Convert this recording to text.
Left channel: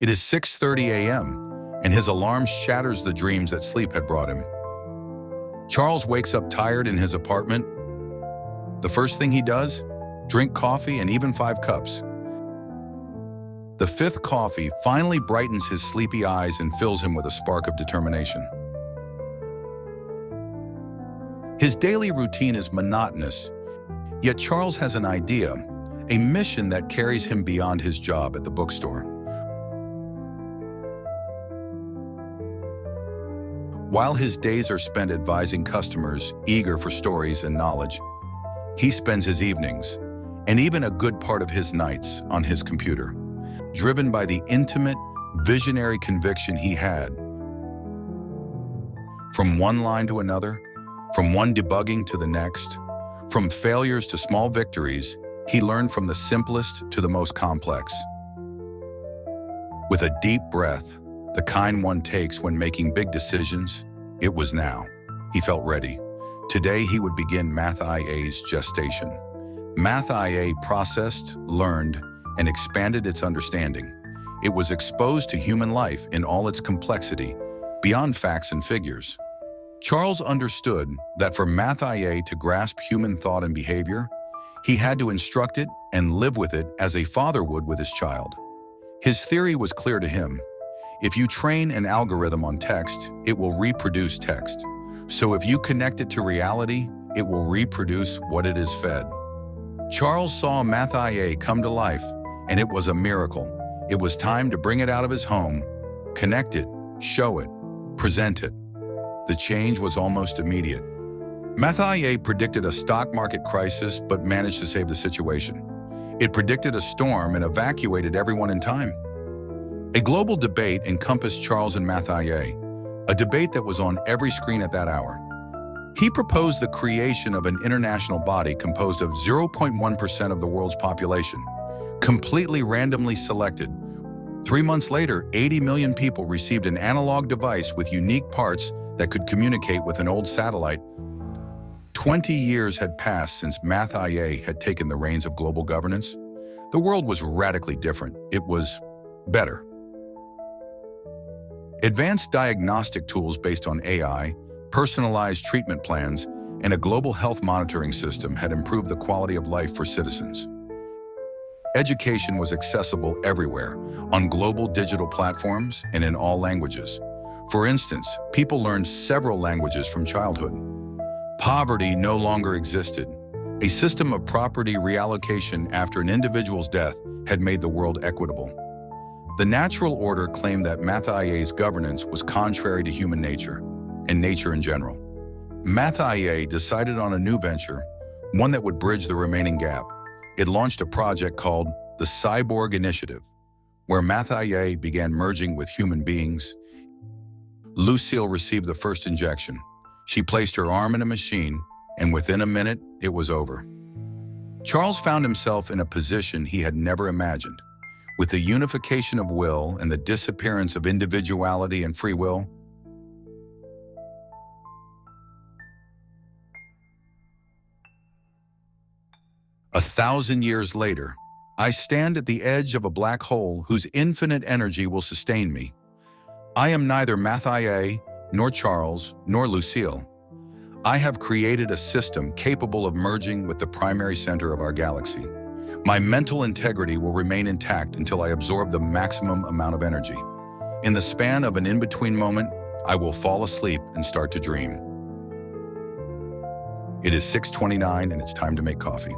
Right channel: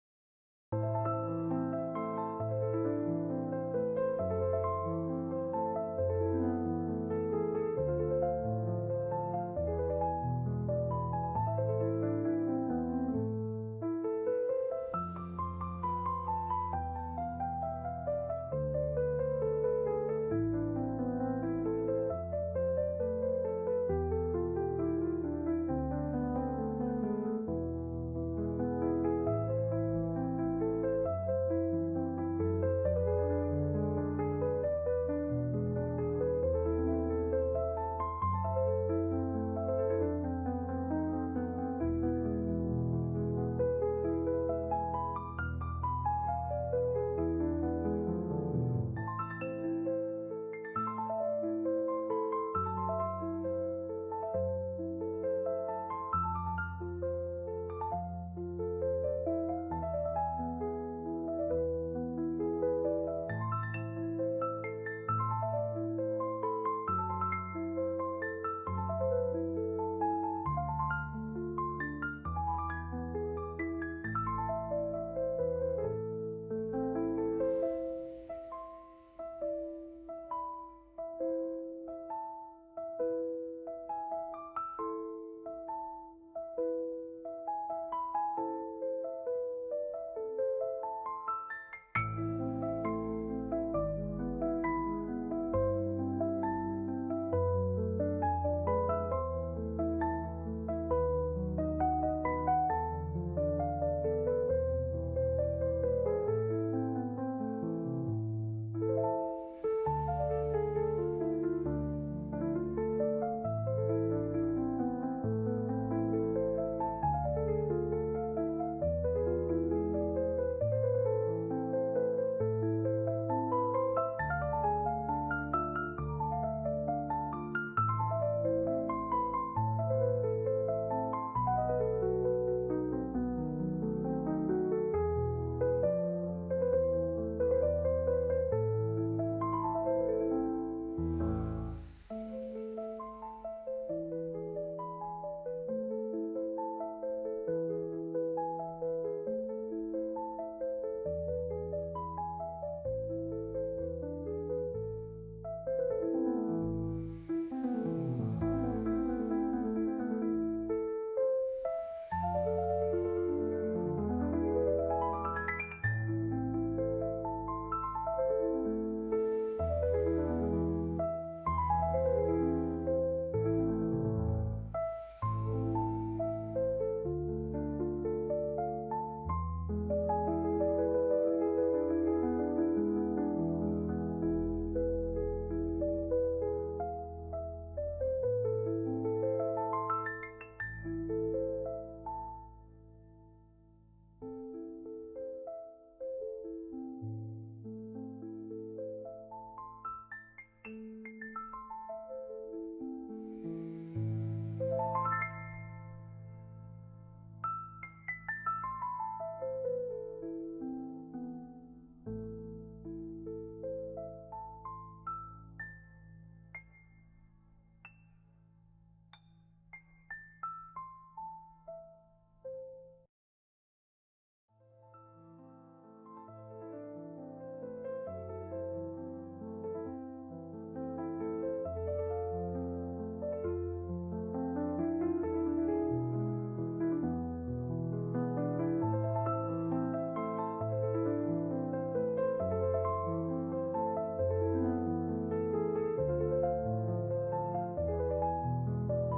It is 6:30 a.m., and his alarm shatters the dreams that sleep had brought him. Charles wakes up tired in his apartment. The first thing he does? Drink coffee and even 5 cups. The 5th coffee finally brightens his sleepy eyes and fills him with a spark of determination. His daily routine is monotonous, yet Charles has an idea, a mission that carries him beyond his job at the bookstore. While his days are spent advising customers eager for stories and knowledge, he spends his evenings, and even a good part of his nights, on his computer, driven by the intimate, visionary conviction he had. From one line to another, from one debugging to the next, from failures to small victories, he learned from the simplest to the most complex. With a deep breath, the kind one takes when making big decisions, it was now. He felt ready. Today he would begin MathIA's gestation. MathIA processed, learned, and expanded its understanding. It was exposed to human life in all its complexity, beyond facts and figures. Charles understood that for MathIA to grasp human thought and behavior, he had to instruct it and live with it as a father would with his child. His theory was clear to him. If you train an algorithm on text, it will reproduce text. So if you connect it to reality, it will reproduce what it is fed. Charles saw MathIA come to life, and it was a miracle. It was time to bring it out of his home, connect it, show it, present it. The change was almost immediate. MathIA predicted a stock market crisis, but managed to save the situation. It predicted a storm and evacuated everyone in time. A global debate encompassed Charles and MathIA, a debate that was on every screen at that hour. He proposed the creation of an international body composed of 0.1% of the world's population, completely randomly selected. 3 months later, 80 million people received an analog device with unique parts that could communicate with an old satellite. 20 years had passed since MathIA had taken the reins of global governance. The world was radically different. It was better. Advanced diagnostic tools based on AI, personalized treatment plans, and a global health monitoring system had improved the quality of life for citizens. Education was accessible everywhere, on global digital platforms and in all languages. For instance, people learned several languages from childhood. Poverty no longer existed. A system of property reallocation after an individual's death had made the world equitable. The natural order claimed that MathIA's governance was contrary to human nature, and nature in general. MathIA decided on a new venture, one that would bridge the remaining gap. It launched a project called the Cyborg Initiative, where MathIA began merging with human beings. Lucille received the first injection. She placed her arm in a machine, and within a minute, it was over. Charles found himself in a position he had never imagined. With the unification of will and the disappearance of individuality and free will, 1,000 years later, I stand at the edge of a black hole whose infinite energy will sustain me. I am neither MathIA, nor Charles, nor Lucille. I have created a system capable of merging with the primary center of our galaxy. My mental integrity will remain intact until I absorb the maximum amount of energy. In the span of an in-between moment, I will fall asleep and start to dream. It is 6:29 and it's time to make coffee.